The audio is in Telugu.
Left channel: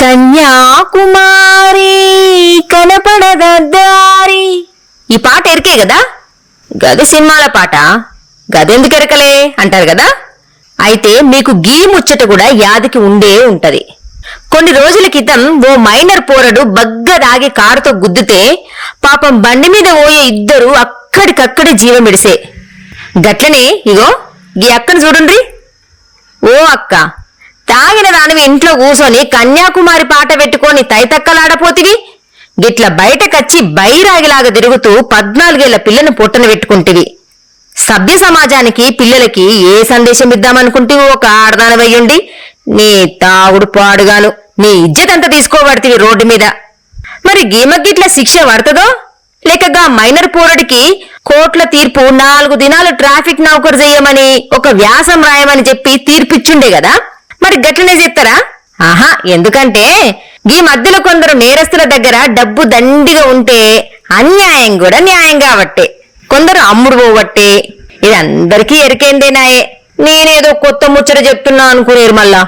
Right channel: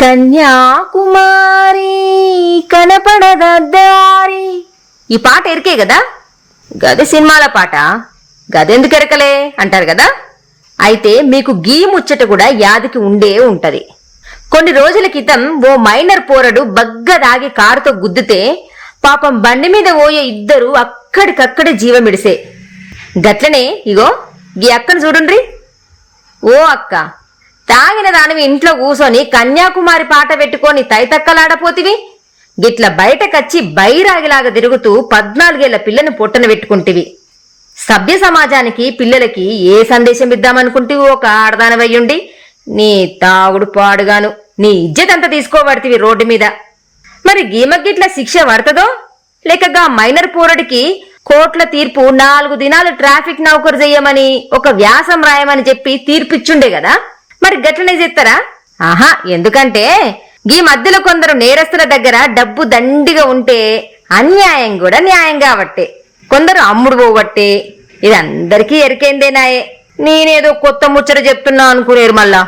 కన్యాకుమారి కనపడదారి. ఈ పాట ఎరికే కదా, గది సినిమాల పాట, గదెందుకు ఎరకలే అంటారు కదా. అయితే మీకు గీ ముచ్చట కూడా యాదికి ఉండే ఉంటది. కొన్ని రోజుల క్రితం ఓ మైనర్ పోరడు బగ్గ దాగి కారుతో గుద్దితే పాపం బండి మీద పోయే ఇద్దరు అక్కడికక్కడే జీవమిడిసే. గట్లనే ఇగో గీ అక్కను చూడుండ్రి. ఓ అక్క, తాగిన దానివి ఇంట్లో కూసోని కన్యాకుమారి పాట పెట్టుకొని తైతక్కలాడపోతివి, గిట్ల బయటకచ్చి బైరాగిలాగా తిరుగుతూ 14 ఏళ్ల పిల్లను పొట్టన పెట్టుకుంటివి. సభ్య సమాజానికి పిల్లలకి ఏ సందేశం ఇద్దామనుకుంటివి? ఒక ఆడదానవయ్యుండి నీ తాగుడు పాడుగాను నీ ఇజ్జతంతా తీసుకోబడితివి రోడ్డు మీద. మరి గీమగిట్ల శిక్ష పడుతుందో లేకగా మైనర్ పోరడికి కోర్టుల తీర్పు 4 దినాలు ట్రాఫిక్ నౌకరు చెయ్యమని ఒక వ్యాసం రాయమని చెప్పి తీర్పిచ్చుండే కదా. మరి గట్లనే చేస్తారా? ఆహా, ఎందుకంటే ఈ మధ్యలో కొందరు నేరస్తుల దగ్గర డబ్బు దండిగా ఉంటే అన్యాయం కూడా న్యాయం కాబట్టే, కొందరు అమ్ముడు పోవట్టే. ఇది అందరికీ ఎరికేందేనాయే. నేనేదో కొత్త ముచ్చట చెప్తున్నా అనుకునేరు మళ్ళా.